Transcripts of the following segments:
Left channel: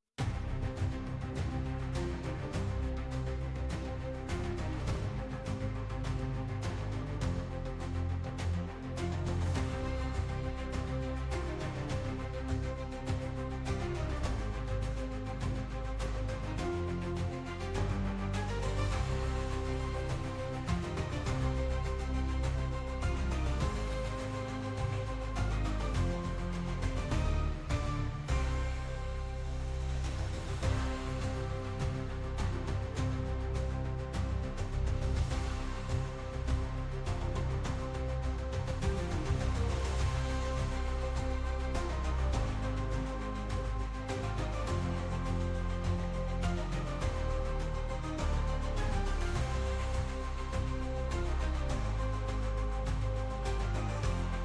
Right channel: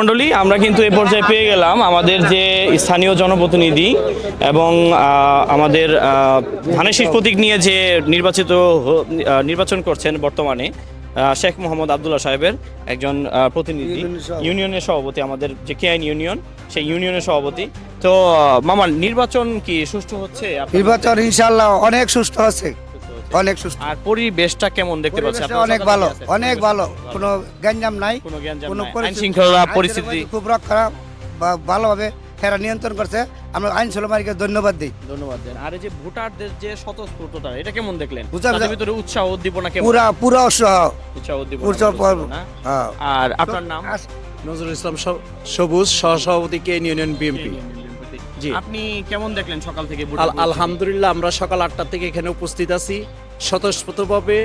মণ্ডলী, আমরা কিন্তু এ পর্যায়ে পেয়ে গেলাম আমাদের যে স্থানীয় জনপ্রতিনিধি এবং আমাদের ধানের শীষ প্রতীক নিয়ে যে নির্বাচন করছেন বর্তমানে শেখ মোহাম্মদ আবদুল্লাহ সাহেবের একজন প্রতিনিধি, ইউনিয়নের সভাপতি, আমাদের যে কেআইন ইউনিয়ন সেই ইউনিয়নের সভাপতি। তো মামা, নির্বাচন কি সুষ্ঠু হচ্ছে? নির্বাচন ইনশাআল্লাহ অনেক সুষ্ঠু আছে, অনেক সুষ্ঠু। আর পরিবেশটা কেমন দেখতে পাচ্ছেন? অনেক ভালো, অনেক ভালো, কোনো গ্যাঞ্জাম নাই, কোনো গ্যাঞ্জাম কোনো নাই, আইন শৃঙ্খলা পরিস্থিতি খুব রক্ষা বা ভালোভাবে এরা নিয়ন্ত্রণ করছে। আমরা আইন শৃঙ্খলাকে ধন্যবাদ দিই। ধন্যবাদ দেন। আর এই যে ভোটারদের যে স্বতঃস্ফূর্ততা, এটা কেমন দেখলেন? বুঝা- তাদের ভিতরে উৎসাহ উদ্দীপনা কেমন? পুরা উৎসাহ। উৎসাহ উদ্দীপনা উৎসাহ চলছে না? হ্যাঁ। আর আপনার নাম? নজরুল ইসলাম সবুজ, সহসভাপতি কে ইউনিয়ন বিএমপি। জি, আপনি কেমন দেখলেন সকাল থেকে? আলহামদুলিল্লাহ, আমরা সকাল 8টা থেকে এখানে উপস্থিত আছি। স্বতঃস্ফূর্তভাবে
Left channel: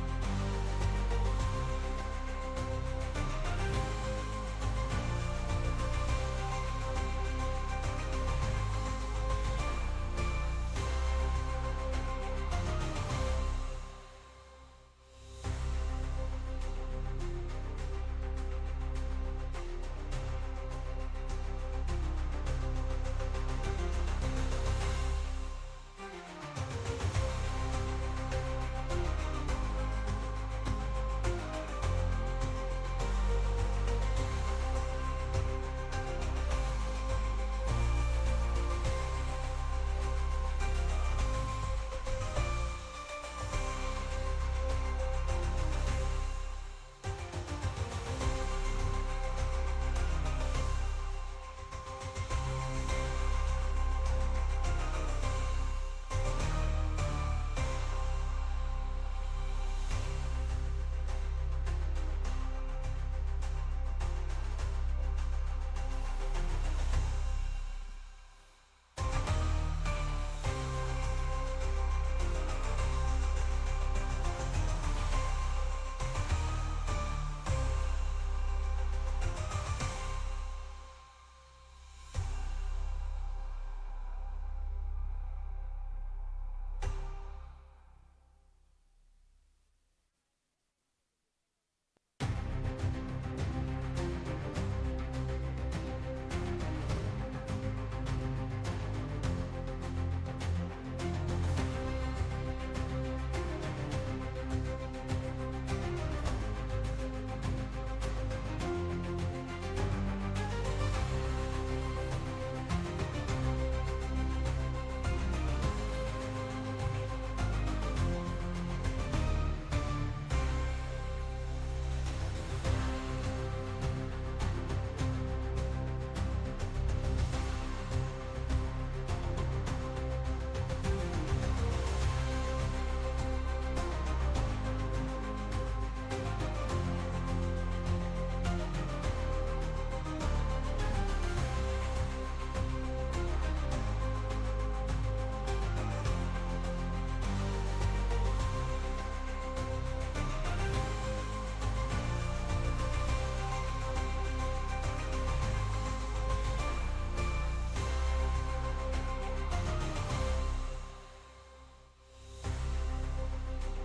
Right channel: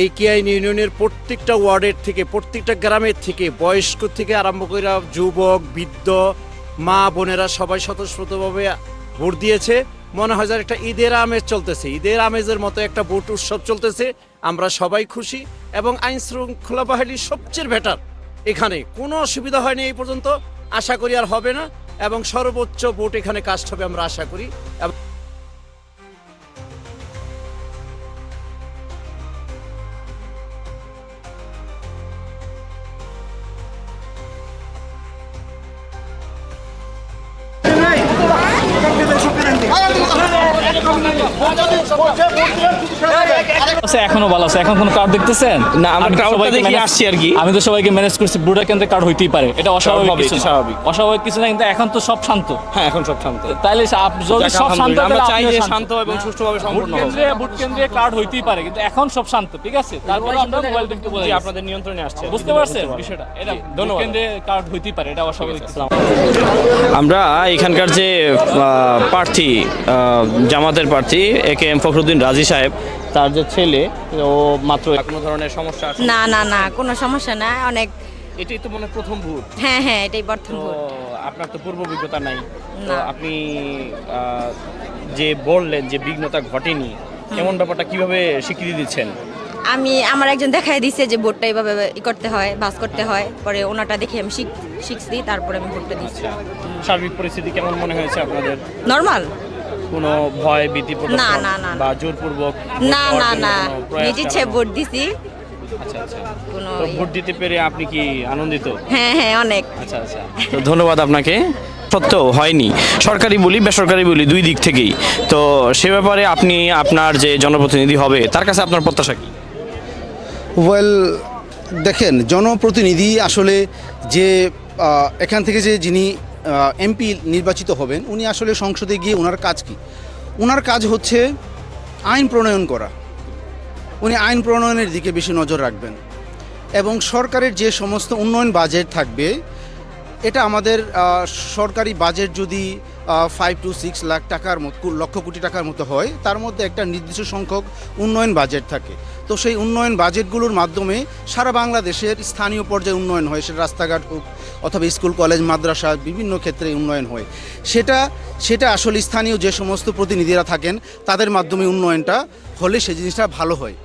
এই কেআইন ইউনিয়নের প্রত্যেকটা ওয়ার্ডের থেকে, প্রত্যেকটা গ্রামের থেকে, বয়স্ক থেকে আরম্ভ করে যুবক, বৃদ্ধ, মা বোনেরা সবাই স্বতঃস্ফূর্তভাবে ভোট দিয়েছে। মনে হয় যেন একটা ঈদের আমেজ চলতেছে, ঈদের আমেজের মতো একটা ভোট উৎসব চলতেছে। আমরা সবাই খুশি এবং আইন শৃঙ্খলা বাহিনী সবচেয়ে বেটার। এখানে কোনো অসুবিধা হয়নি এই পর্যন্ত, আশা করি আর হবে না, এবং সর্বোচ্চ ভোট এখানে কাস্ট হবে আমরা আশা করি। এখনো ভালো আছে, এখন কোনো কার্ড দেখতেছেন না, আমরা ক্রাউডটা দেখে আসছি আর কি। আমি তো সবাইকে ম্যানেজ করছি, ব্রুডার কেন্দ্রে কার্ড হইতেই পারে, এটা অস্বাভাবিক কিছু না। স্বাভাবিক। অস্বাভাবিক কিছু না, কিন্তু এখন তো সব শান্ত। হ্যাঁ, এখন সব শান্ত। তাইলে যদি সব শান্ত হয়, আমরা তাহলে চাই আপনিও যে শান্ত। শান্ত এবং সুষ্ঠুভাবে সম্পূর্ণ হোক। ভোট কেন্দ্রে কার্ড হইতেই পারে, কিন্তু এখন সব শান্ত, ঠিক আছে? তারপরে আমরা মোবাইল দেখতে বলে জি, আপনাদের নিয়ন্ত্রণে আসছে। বুঝতে পারছেন বিষয়টা? এটা ধন্যবাদ। কেন্দ্রে কার্ড হইতেই পারে, এটা অস্বাভাবিক কিছু না। আমরা এখানকার যে প্রার্থী, জামাতের প্রার্থী একেএম ফখরুদ্দিন রাজি সাহেব, তার যে ছেলে, ও মাত্র কোনো ধরনের সমস্যা আছে? না না না, কোনো সমস্যা না, অনেক। এটাই তো মনে হয় প্রথম ভোট। হ্যাঁ হ্যাঁ, এটাই প্রথম তো ভোট। আপনার তো পূর্ব অভিজ্ঞতা নাই, তো না। আপনি যে বললেন যে বিঘ্নতা ঘটেনি, এমন ব্যাপারটা কিভাবে স্বীকৃতি দিচ্ছেন? আমার একজন দেখাই দিছে যে ভোটটা এইভাবে করতে হয়, বাস করতে হয়, পরে ওনাটা দেখে আমি শিখছি, তারপরে আমি ভোটটা দিচ্ছি। সার্বিক পরিস্থিতি কেমন মনে হয়েছে আপনাদের? নর্মাল। কোনো ভয় ভীতি প্রদর্শন না, না, না, না। বা জোরপূর্বক না না না, নিজ ইচ্ছে ভোট দিছি। আচ্ছা আচ্ছা। কোনো তো ভোট দিতে পেরে আপনি কি আনন্দিত? হ্যাঁ হ্যাঁ, অনেক। আচ্ছা আচ্ছা, তো ধন্যবাদ আপনাকে। সত্ত্বেও হয়নি, সরকারি বলি বেসরকারি বলি দুই দিক থেকেই, তো সে ব্যাপারে আপনি আপনার যে জনপ্রতিনিধি হবে তার কাছে আপনার প্রত্যাশা কি? ওয়েল, দেখেন, জনপ্রতিনিধি আসলে যে এখান থেকে যে যিনি এমপি নির্বাচিত হবেন, উনি আসলে সংসদে গিয়ে ওনার কাজ কি? ওনার কাজ হচ্ছে আইন প্রণয়ন করা। উনি আইন প্রণয়নের দিকে বেশি নজর রাখবেন এবং সরকারের যে সমস্ত উন্নয়ন বাজেট থাকবে, এটা আমাদের সরকারি বাজেট যদি 5 to 6 লাখ টাকার মতো, লক্ষ কোটি টাকার মতো হয়, তার মধ্যে একটা নির্দিষ্ট সংখ্যক উন্নয়ন বাজেট থাকে। তো সেই উন্নয়ন বাজেটগুলোর মাধ্যমে সারা বাংলাদেশের স্থানীয় পর্যায়ে উন্নয়ন হয়, সেটা রাস্তাঘাট হোক অথবা স্কুল কলেজ মাদ্রাসা, বিভিন্ন ক্ষেত্রে উন্নয়ন হয়। সেটা আসলে স্থানীয় যে সমস্ত প্রতিনিধিরা থাকেন তাদের মাধ্যমে উন্নয়নটা হলে সেই জিনিসটা ভালো হয়।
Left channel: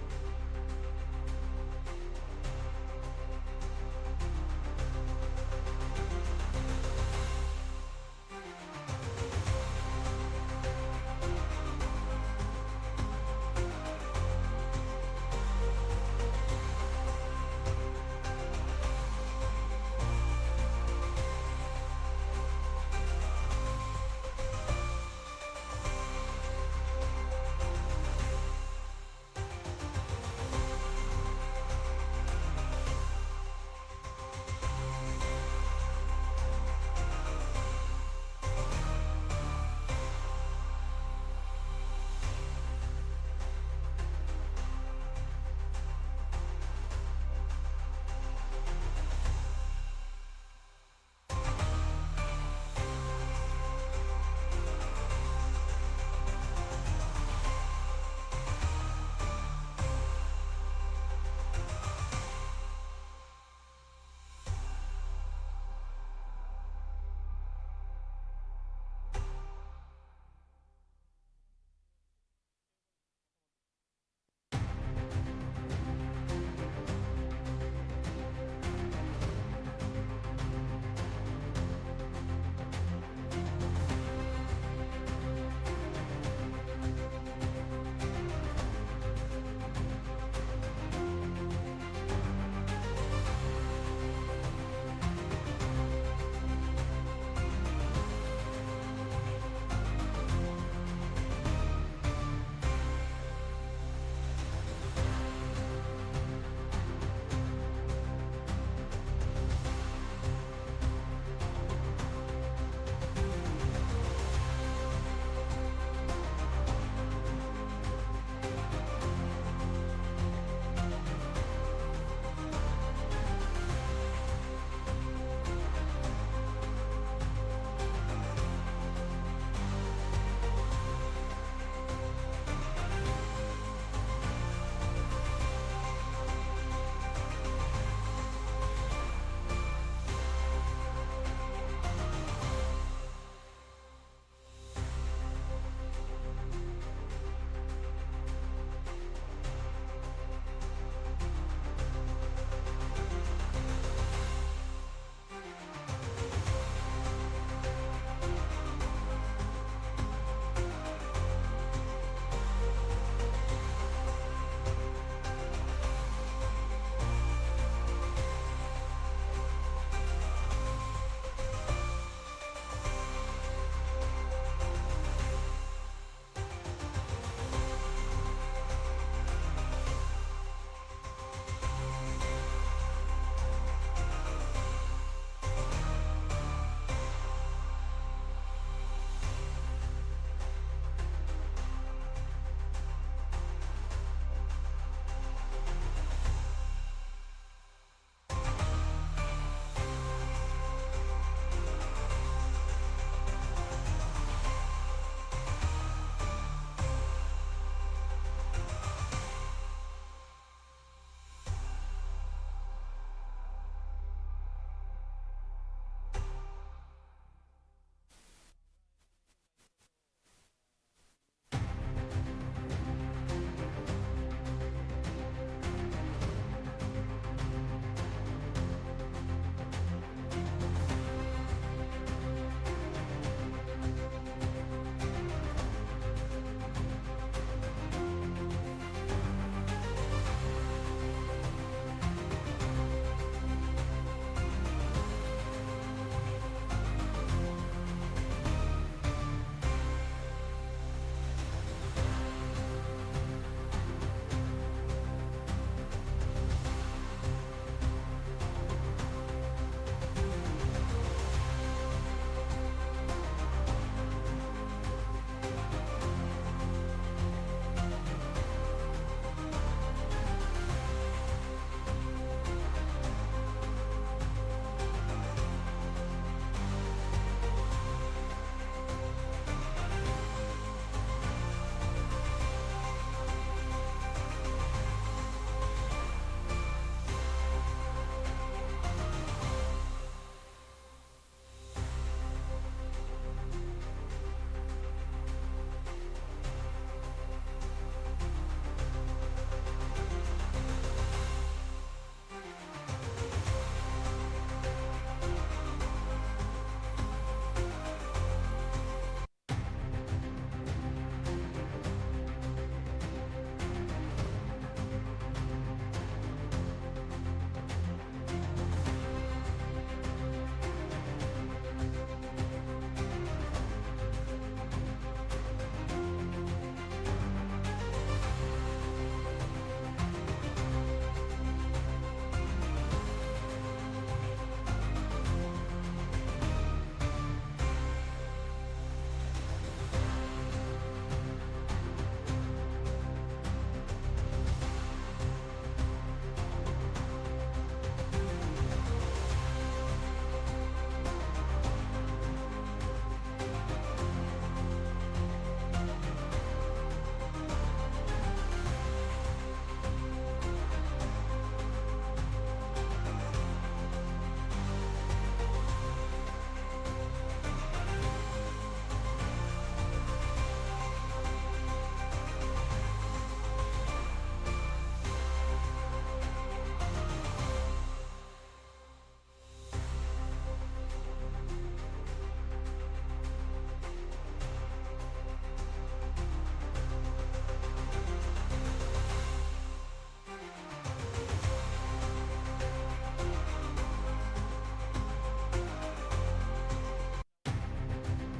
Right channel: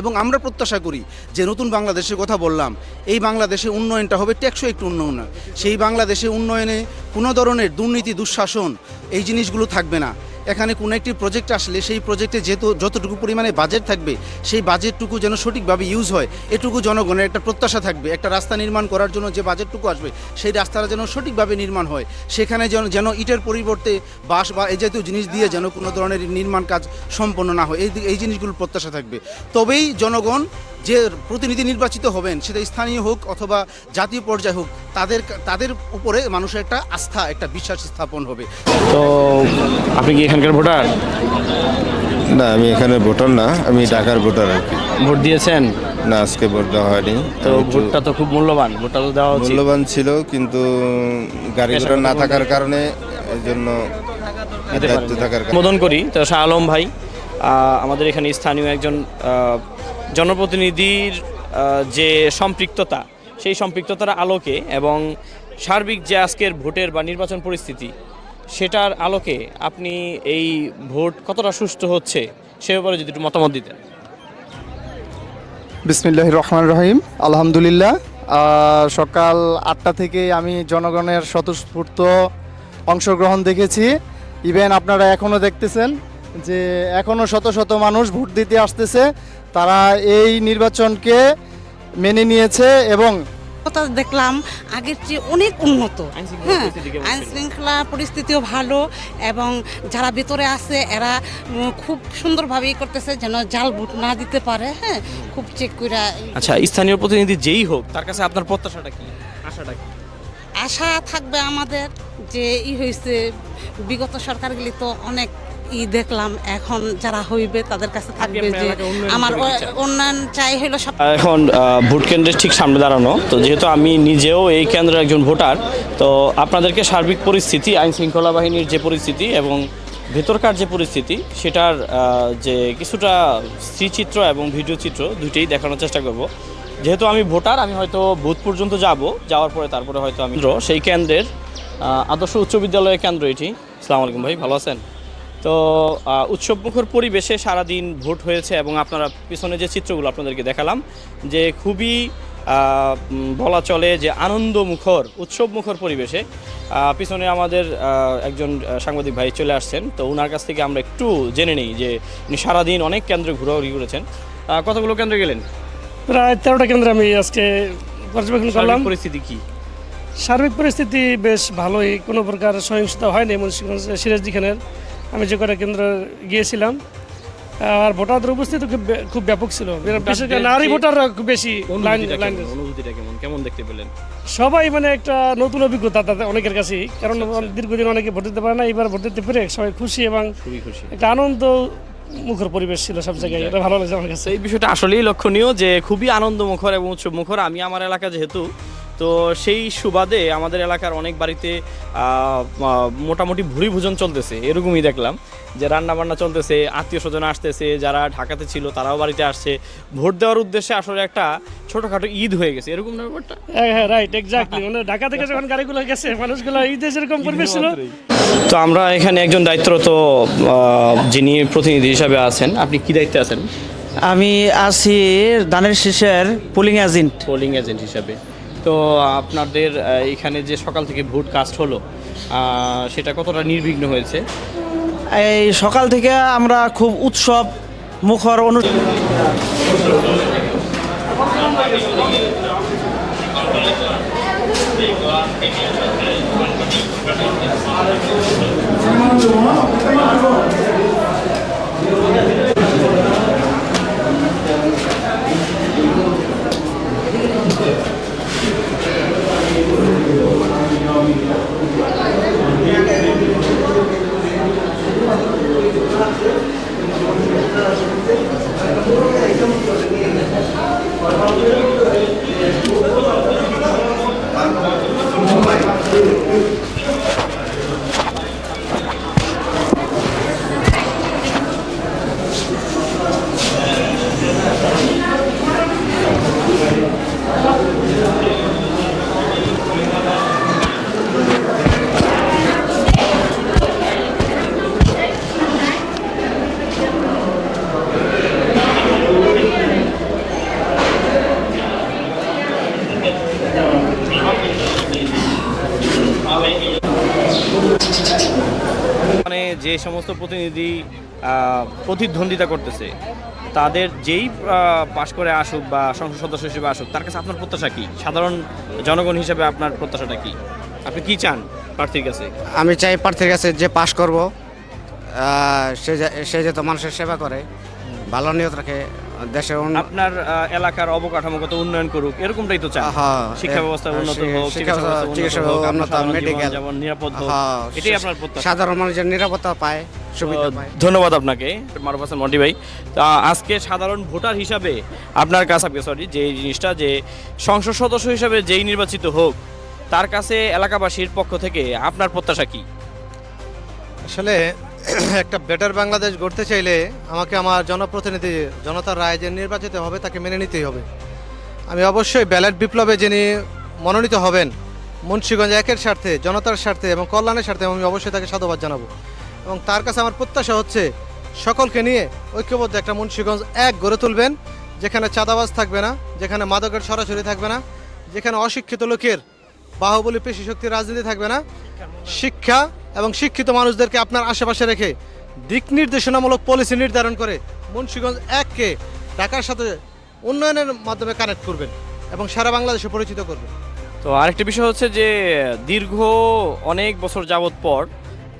এবং আমরা প্রত্যাশা করি যে নতুন বাংলাদেশের কথা বললাম, এই বাংলাদেশে উন্নয়নটা হবে টেকসই একটু উন্নয়ন। সেই বাংলাদেশে উন্নয়নে কোনো ধরনের দুর্নীতি, দুঃশাসন এই জিনিসগুলো থাকবে না। এখানে কোনো একটি প্রজেক্ট আসলে সেই প্রজেক্টে যতটুকু পরিমাণে বাজেট থাকবে, সেই বাজেটটুকু যেন সঠিকভাবে ইউজ হয়, এটুকু জনগণের একটা প্রত্যাশা থাকবে। একটা রাস্তা নির্মাণ করার জন্য যে বাজেটটুকু আসবে, সেই রাস্তাটা যেন সঠিকভাবে নির্মাণ হয়, সেখানে যেন ইটের পরিবর্তে বাঁশ বা এই জাতীয় জিনিস দিয়ে যেন কোনো ধরনের নির্মাণ কাজ সম্পন্ন না হয়, এই জিনিসগুলোর প্রত্যাশা থাকবে। তবেই জনগণ যে প্রতিনিধি নির্বাচিত হবেন, সেটা স্থানীয় হোক অথবা জাতীয় পর্যায়ে হোক, তাদের উপরে মানুষের একটা আস্থা, একটা বিশ্বাস স্থাপন হবে। তো আপনি কি এখানকার ভোটার? না, আমি এখানে ভোটার না, আমি ঢাকার ভোটার আর কি। ভোট দিয়েছেন? না, আজকে ভোট দেওয়া হয়নি। তো আমি একটু ভোটটা তো খুব মূল্যবান, ভোটটা তো দেওয়া উচিত। মূল্যবান ছিল, কিন্তু গাড়ি ঘোড়া না থাকার কারণে, এই জন্য দায়িত্ব থাকার কারণে। অনুমোদন করি। তো শাহ আলম ভাই, আমাদের এখানে স্থানীয় একজন জনপ্রতিনিধির যে সম্পৃক্ততা, সেই সম্পৃক্ততার আলোকে এবং সার্বিক যে আজকের ভোটের বা নির্বাচন পরিস্থিতি, সেটার আলোকে আপনি এই ভোট কতটা সুষ্ঠু হচ্ছে সে ব্যাপারে যদি একটু মতামত দিতেন। বিসমিল্লাহির রহমানির রহিম। আলহামদুলিল্লাহ, সকাল 8টা থেকে আমি জনগণের স্বতঃস্ফূর্ত অংশগ্রহণ দেখেছি। ইভেন আপনারা এখনও দেখতেছেন যে এখনও শত শত মানুষ ভোট দিতে আসতেছে। তারা এই নির্বাচনকে মেনে নিয়েছে এবং কথা দেখলাম আগের চেয়ে অনেক উন্নত। হ্যাঁ, আইন শৃঙ্খলা পরিস্থিতিও ভালো এবং যারা ভেতরে আছে এরা খুব সুন্দরভাবে করতেছে যেন জাল ভোট না দিতে পারে। হ্যাঁ, খুব চেক করে। আচ্ছা, স্থানীয় প্রতিনিধি যেই হোক তার কাছে আপনার প্রত্যাশাটা কি, আশাটা কি? আশা থাকবে আমাদের যে হয়েছে বিগত সরকারগুলি তো অনেক দেখলাম, এখন যারা হইবে তাদের কাছে থাকবে যে আমার উন্নয়ন চাই হলো সব। এখন ভোট কেন্দ্রের ঠিক সামনে দাঁড়ানো, তো যেহেতু আমি নিজেও এই কেন্দ্রের একজন ভোটার, তো আপনাদেরকে সার্বিক পরিস্থিতি, আইন শৃঙ্খলা বাহিনীর যে পরিস্থিতি এবং ভেতরকার যে পরিস্থিতি সেটার যে কিছুটা স্মৃচিত্র এবং ভিডিও চিত্র দুইটাই দেখানোর চেষ্টা করব। যেহেতু আমি ভোটার, আমি হয়তো বুথ পর্যন্ত যাওয়ার পরে তারপরে হয়তো আমি সেই কেন্দ্রের আদর্শ উচ্চ বিদ্যালয়ের কেন্দ্র এটি। আসসালামু আলাইকুম ভাই, ভালো আছেন? তো উৎসবমুখর পরিবেশে সারাদিন ভোট হয়েছে এবং আপনারা পিছনে যে চিত্রগুলো আপনাদেরকে দেখালাম যে খুবই বলা চলে যে আনন্দমুখর উৎসবমুখর পরিবেশে পিছনে আমাদের একজন সাংবাদিক ভাই চলে আসছেন। তো ওনার কাছ থেকে আমরা একটু জেনে নিই যে উনি সারাদিন অনেক কেন্দ্রে ঘোরাঘুরি করেছেন। কতগুলো কেন্দ্রে গেলেন? প্রায় 13টা কেন্দ্রে আমি আজকে পর্যবেক্ষণ করলাম। পরিস্থিতি কি? সার্বিক পরিস্থিতি বেশ ভালোই, কোনো প্রকার সহিংসতা হয়নি মুন্সিগঞ্জ সিরাজদিখানের আমি যে কটা কেন্দ্র গিয়েছিলাম। আর ভোটারদের উপস্থিতি খুব ব্যাপক ছিল, বিশেষ করে নারী ভোটাররা খুব বেশি লাইন। অনুভূতিটা কেমন দেখতে পেলেন? সবাই মানে একটা নতুন অভিজ্ঞতা তাদের অনেকের কাছেই, কারণ দীর্ঘদিন অনেকে ভোট দিতে পারে না, এবার ভোট দিতে পেরে সবাই খুশি এবং একটা আনন্দ মুখর পরিবেশ ছিল সব জায়গায়। এটা ভালো লাগছে আমার কাছে। এই বিষয়টা আসলেই লক্ষণীয় যে খুবই আনন্দমুখর এবং উৎসবমুখর। আমি আমার এলাকা যেহেতু, তো সেই সুবাদে আমাদের এলাকার অনেক বাড়িতে মোটামুটি ভুরি ভোজন চলতেছে, এরকমই দেখলাম যে রান্না বান্না চলতেছে, আত্মীয় স্বজন আসতেছে, যারা ঢাকাতে ছিল তারাও বাড়িতে আসছে। ভোট দেওয়ার উদ্দেশ্যে আসলে একটা ছোটখাটো ঈদ হয়ে গেছে, এরকম না ব্যাপারটা? হ্যাঁ রাইট, এক্স্যাক্টলি। মানে ঢাকা থেকে যখন গাড়িগুলো গেছে মানুষগুলো ঈদে যেরকম পরিবেশ ছিল। তো আমরা এখানে একজন দায়িত্বরত যিনি প্রতিনিধি হিসাবে আছেন, আপনি কি দায়িত্বে আছেন? আমি আছি ধানের শীষের পোলিং এজেন্ট হিসাবে। তো আপনাদের এখানে যে সকাল থেকে ভোট কাস্ট হলো সেটা কতটা নির্বিঘ্ন হয়েছে? এই সকাল থেকে আমরা খুব উৎসব মুখর মানে যে সমস্ত প্রতিনিধি প্রতিদ্বন্দ্বিতা করতেছে তাদের যেই পাশ করে আসুক বা সংসদ সদস্য হিসেবে আসুক, তার কাছে আপনার প্রত্যাশা কি? সাধারণ জনগণ হিসেবে আপনার প্রত্যাশাটা কি? আপনি কি চান প্রার্থীর কাছে? আমি চাই প্রার্থীর কাছে যে পাশ করব সে যাতে মানুষের সেবা করে, ভালো নিয়ত রাখে, দেশের আপনার এলাকার অবকাঠামোগত উন্নয়ন করুক, এরকমটাই তো চান। শিক্ষা ব্যবস্থা উন্নত হোক, চিকিৎসা ব্যবস্থা উন্নত হোক, মেডিকেল যেমন নিরাপদ হোক, এটাই আপনার প্রত্যাশা। সাধারণ মানুষের নিরাপত্তা পায়, সুবিধা পায়। ধন্যবাদ আপনাকে মারুফ হাসান মন্টি ভাই। তা আজকে সাধারণ ভোটার হিসাবে আপনার কাছে যে জিনিসটা যে সংসদ সদস্য হিসাবে যেই নির্বাচিত হোক তার কাছে এলাকাবাসীর পক্ষ থেকে আপনার প্রত্যাশা কি? আসলে একটা বেটার বাংলাদেশ গড়তে চাইলে আমাকে আমার জনপ্রতিনিধি জনতার রায় যে নির্বাচিত হবে তাকে মেনে নিতেই হবে। আমি অবশ্যই ব্যালট বিপ্লবে যিনি মনোনীত হবেন মুন্সিগঞ্জ একের স্বার্থে, জনতার স্বার্থে এবং কল্যাণের স্বার্থে, আমি অবশ্যই তাকে সাধুবাদ জানাবো। এবং তার কাছে আমার প্রত্যাশা হচ্ছে সকলকে নিয়ে ঐক্যবদ্ধ একটা মুন্সিগঞ্জ এক গড়ে তুলবেন, যেখানে চাঁদাবাজ থাকবে না, যেখানে মাদকের সরাসরি থাকবে না, যেখানে অশিক্ষিত লোকের বাহুবলী পেশি শক্তির রাজনীতি থাকবে না, শিক্ষা এবং শিক্ষিত মানুষদেরকে আপনার আশেপাশে রেখে দিক নির্দেশনামূলক পলিসি নির্ধারণ করে মুন্সিগঞ্জ এককে ঢাকার সাথে উন্নয়নের মাধ্যমে কানেক্ট করবেন এবং সারা বাংলাদেশে পরিচিত করবেন। তো আরেকটা বিষয় হচ্ছে যে দীর্ঘ অনেক বছর যাবত পর,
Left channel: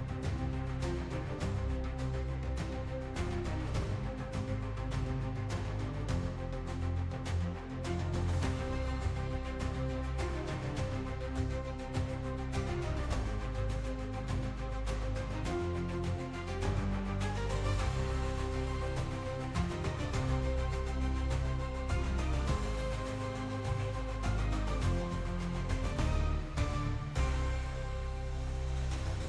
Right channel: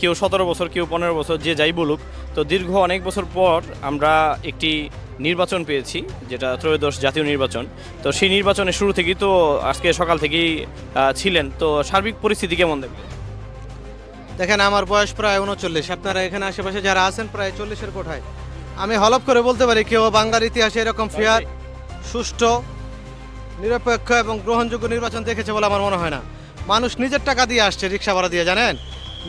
কেউ 17 বছর, কেউ 15 বছর, যে যাই বলুক, তো দীর্ঘ অনেক বছর পর আমরা একটি নির্বাচন পেয়েছি, যেটা ত্রয়োদশ জাতীয় নির্বাচন। তো সেই নির্বাচনের শুরু থেকেই তো আজকে সকাল থেকেই ছিলেন, তো সার্বিক পরিস্থিতি কেমন দেখবেন? দেখেন, আমার বয়স প্রায় 39, আপনারা এখানে আশেপাশে যারা আছেন প্রায় 40-এর কোঠায়। আমি হলফ করে বলতে পারি কেউ বাংলার ইতিহাসে এরকম ফেয়ার, সুষ্ঠু, নিরপেক্ষ এবং গ্রহণযোগ্য নির্বাচন দেখেছে বলে আমার মনে হয় না। মানুষ নিজের টাকা দিয়ে আসছে, রিক্সা ভাড়া দিয়ে, জানেন,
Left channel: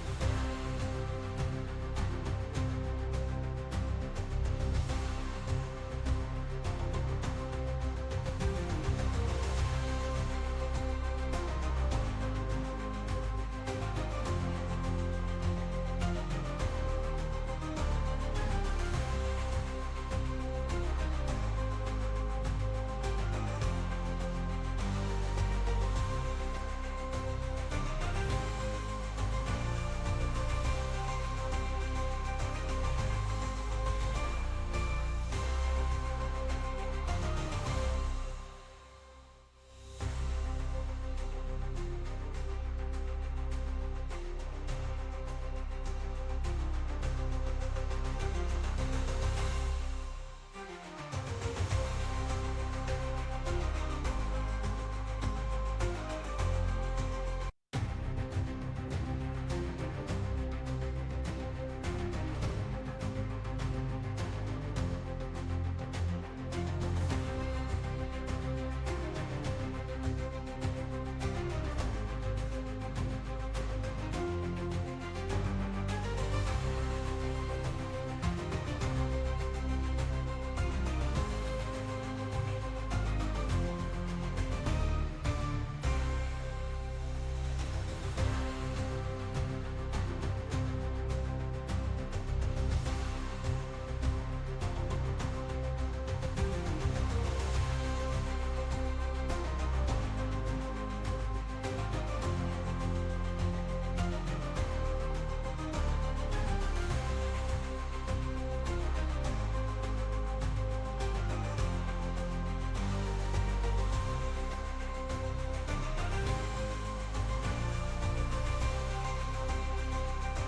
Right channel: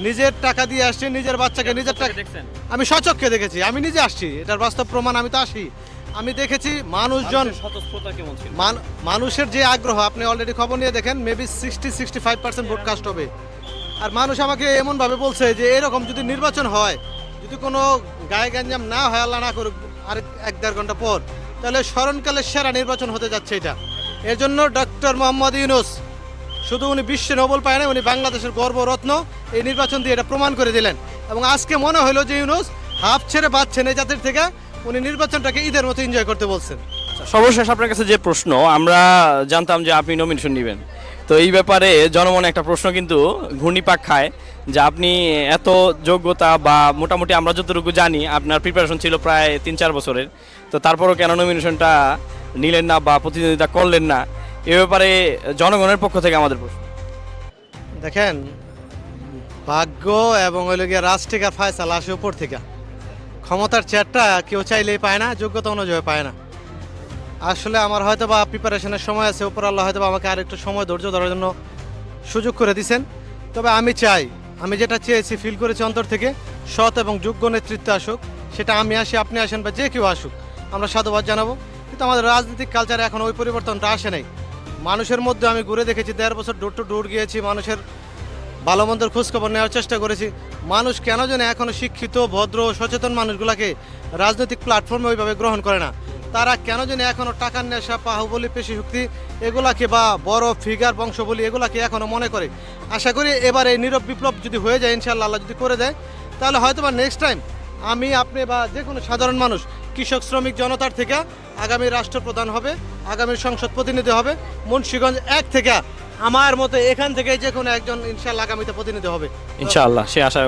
নিজের টাকা দিয়ে আসছে, নিজের বাচ্চাকে নিজের টাকা। আমি স্বচক্ষে দেখেছি, আমি নিজে আসছি, এটার বাস্তব প্রমাণ, আমি তো আসি, আমি দেখেছি মানুষজন, মানুষের যে আগ্রহ, আপনি অলরেডি খবর নিয়ে দেখেন, মেবি 60-65% ভোট কাস্ট হবে। আর মানুষ আমাকে এমনভাবে বলছে যে এরকম যদি নির্বাচন হয়, যদি কোনো গায়ে গ্যাঞ্জাম না হয়, আল্লাহ না করুক, আর 1-1.5 ঘন্টা পর, তাহলে স্মরণকালের সেরা নির্বাচন হতে যাচ্ছে এটা। এর জন্য ডক্টর মোহাম্মদ ইউনূস শুধু উনি বিশ্বে নোবেল পায় না, উনি বাংলাদেশের গর্বরত্ন, এই নির্বাচন দিয়ে এটা প্রমাণ করে দিলেন। এবং আজকে মনে হলো যে ইউনূস হাফ ছেড়ে বাঁচছেন এই জাতির থেকে, উনি নির্বাচনটাকে ঈদের মতো এনজয় করতে বলছেন। সর্বশেষ আপনার কাছে যে প্রশ্ন, আমরা জানতাম যে আপনি নমিনেশন নেবেন, তো এই ব্যাপারে জনমনে একটা প্রশ্ন কিন্তু ঘূর্ণিপাক খায় যে আপনি এত যোগ্যতা, বা মোটামুটি আমরা যতটুকু জানি আপনার প্রিপারেশন ছিল প্রায় 3-4 বছরের, তো তারপরও কেন নমিনেশনটা নিলেন না বা প্রতিদ্বন্দ্বিতা করলেন না, এ ব্যাপারে জনগণের পক্ষ থেকে আমাদের প্রশ্ন। দেখেন, ভাগ্য এবং ওই লোকের রাজ থেকে ফায়সালা আসে উপর থেকে। ক্ষমতার চেয়ারটা কেউ চাইলেই পায় না, যোগ্যতা অনুযায়ী পায় না। আসলে আমার হয়তো বা প্রিপারেশনের সময় আছে, উপর আল্লাহ হয়তো বা আমাকে আর একটু সময় ধৈর্য ধরার জন্য সুযোগ করে দিয়েছেন। তবে আমি চাই, আমি যেটা চেয়েছি, ফিল করেছি অন্তর থেকে, সৎ এবং যোগ্য নেতৃত্ব আসুক, সেটা আমি আসি, আপনি আসেন, বা যে কেউ আসুক, আমরা সাধুবাদ জানাবো। কিন্তু আমাদের রাজনৈতিক কালচারে এখন ওই পরিবর্তনটা আসে নাই। মানুষের মধ্যে আমি ঘুরে দেখেছি, 13 বছর ডোর টু ডোর গিয়েছি, মানুষের ভালো মন্দের খোঁজখবর নেওয়ার চেষ্টা করেছি। মানুষ কেন যেন এখনও শিক্ষিত, ভদ্র, সচেতন মানুষগুলোকে রাজনৈতিক প্ল্যাটফর্মে ওইভাবে গ্রহণ করে না। তারা কেন যেন এখনও টাকার নেশা, বাহুবলী, পেশি শক্তি এগুলাকে, বা বড় ফিগার, বংশ বলি, এগুলাকে এখনও মনে করে। আশা করি এবার এই নীরব বিপ্লব যদি হয়ে যায়, ইনশাআল্লাহ আল্লাহ যদি করে দেয়, তাহলে হয়তো বা নেক্সট টাইম আমি, আপনি বা যে কোনো সাধারণ মানুষ, কৃষক, শ্রমিক, জনতার থেকে আগামী রাষ্ট্রপ্রধান হবে, আগামী সংসদ প্রতিনিধি হবে, মুন্সিগঞ্জ 1 থেকে আমার মতে এখান থেকে যে কোনো একজন ইনশাআল্লাহ আগামীতে প্রতিনিধি হবে, ইনশাআল্লাহ, সে আশা